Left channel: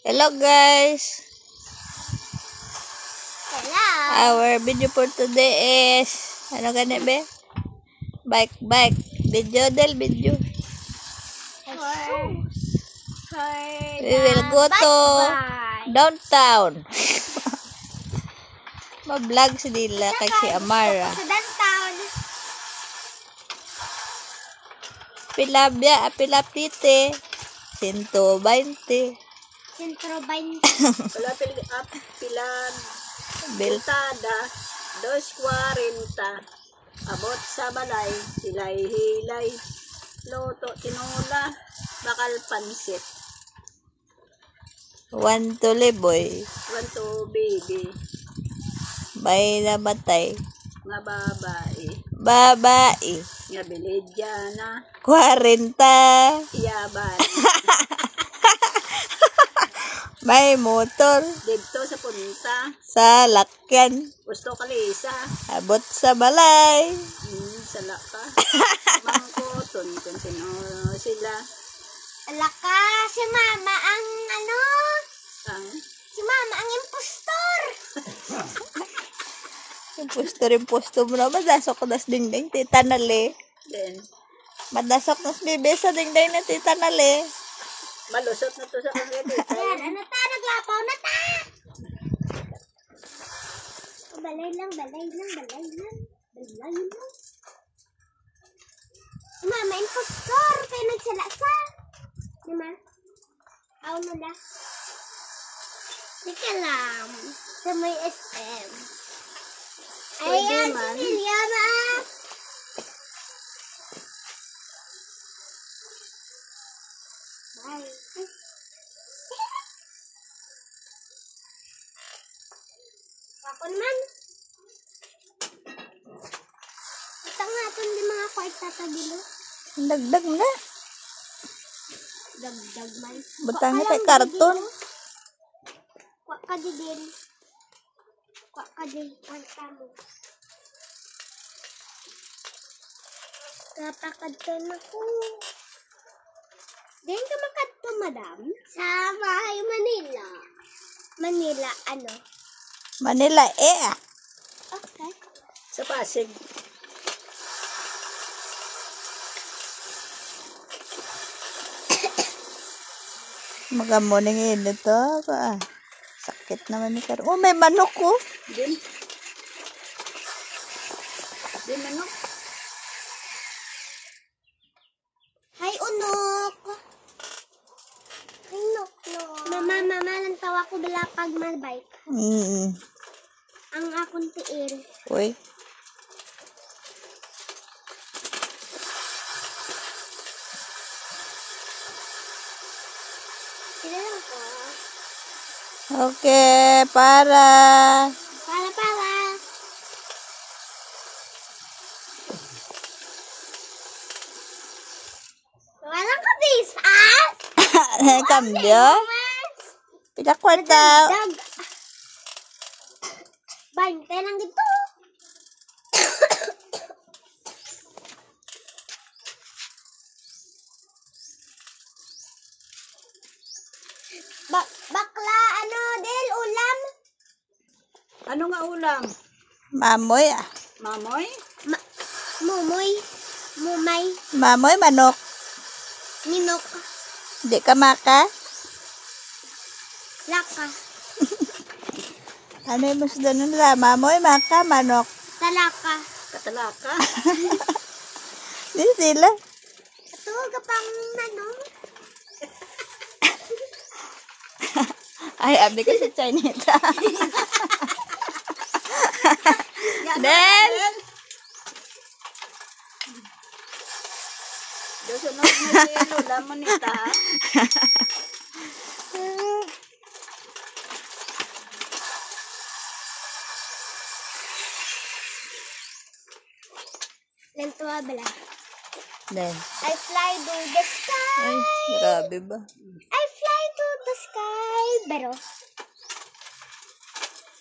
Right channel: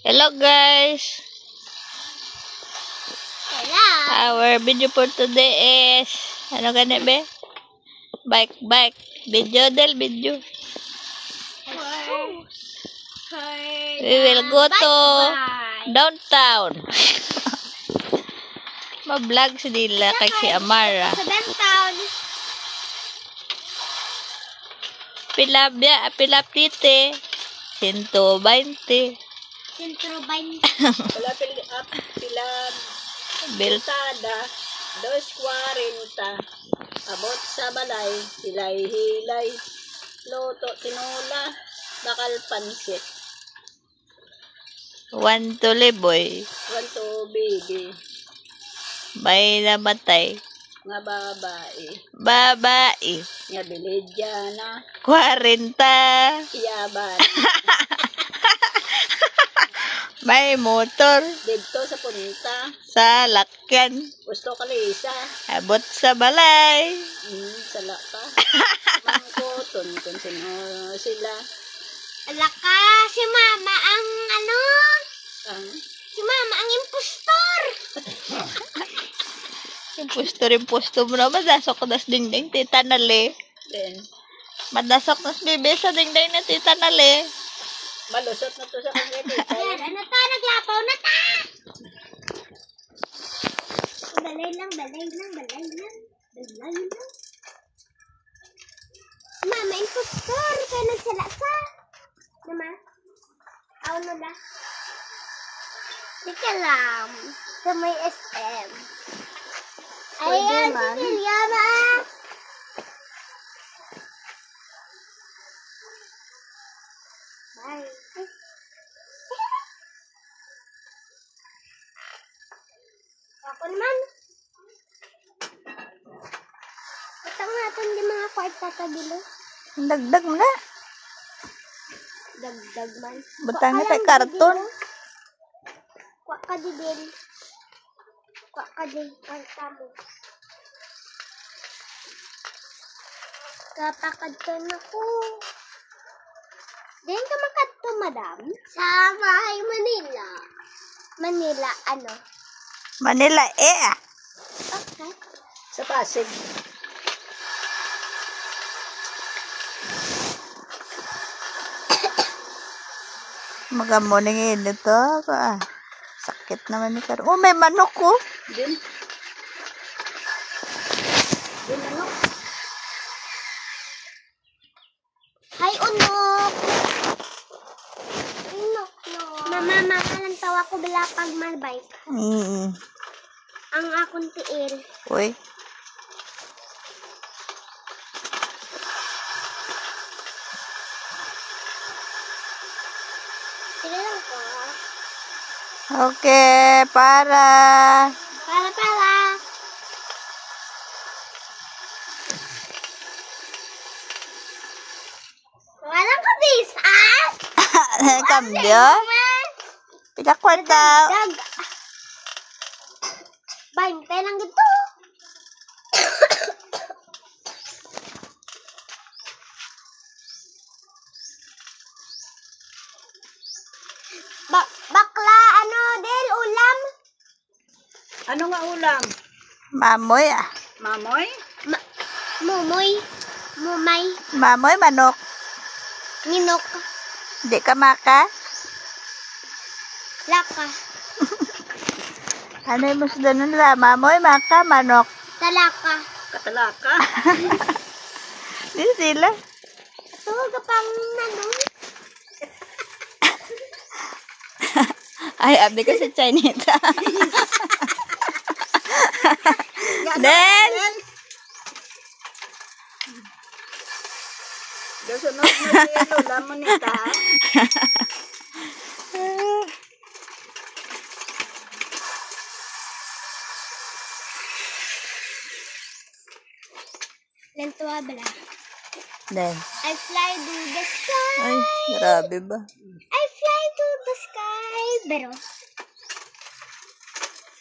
Hello guys. Hello. Our video for today is ano gani be? Bike video del video. We will go to downtown. Ma-vlog si Dila kay si Amara. Sa downtown. Pila pite. 120. Sentro 20. Pila Biltada 2.40 abot sa balay hilay loto tinola bakal pansit 1 to liboy. 1 to baby May namatay. nga Babae. nga bilidya na 40. iyaban May motor dito sa punta sa lakyan. gusto kalisa Abot sa balay. sa laka mangko tuntun sila Alaka, si mama ang ano? ang Si mama ang impostor. Impostor mo na. Madasok ko nas dingding tita nali. then Madasok nas bebe sa dingding na tita nali. malusot na to sa kanya dito Yan, ano ta? Naglapaw na ta. Balay lang. Mama, impostor. Kaya nagsala sa. Naman? Aw na da. Teka lang. Sa may SM. Pwede Ayan, man. si Liliana. Bye. Ako naman. Itang natin di mga kwarta sa bilo. Dagdag mo na. Dagdag man. Butangin kay karton. Kwa ka di din. Kwa ka di kwarta mo. Katakad ka na ko. Diyan ka makadto, madam? Sa Mahay, Manila. Manila, ano? Manila Okay. sa Pasig Magamuning ito. Sakit naman ni Karo. Oh, may manok ko. din ano Hi, unok! Unok, no. Mama, lang tawa ko bila pag malbike. Ang akong tiil. Uy. Sige lang ko. Okay, para. Para. Walang kabisa! Kambyo. Pila kwarta. Dag. 20 lang dito. Bakla, ano, Del, ulam? ano nga ulam Mamoy mamoy Mumoy. Mumay. Mamoy manok. Ninok. Di ka maka. Laka. Ano yung musudo nila? Mamoy, maka, manok. Talaka. katalaka Di sila. Ito, kapang nanong. Ay, abi ka sa Chinita. Then, sunod na siya lola mo nita Lantua bala. then. I fly to the sky. Ay, grabe ba? I fly to the sky. Pero,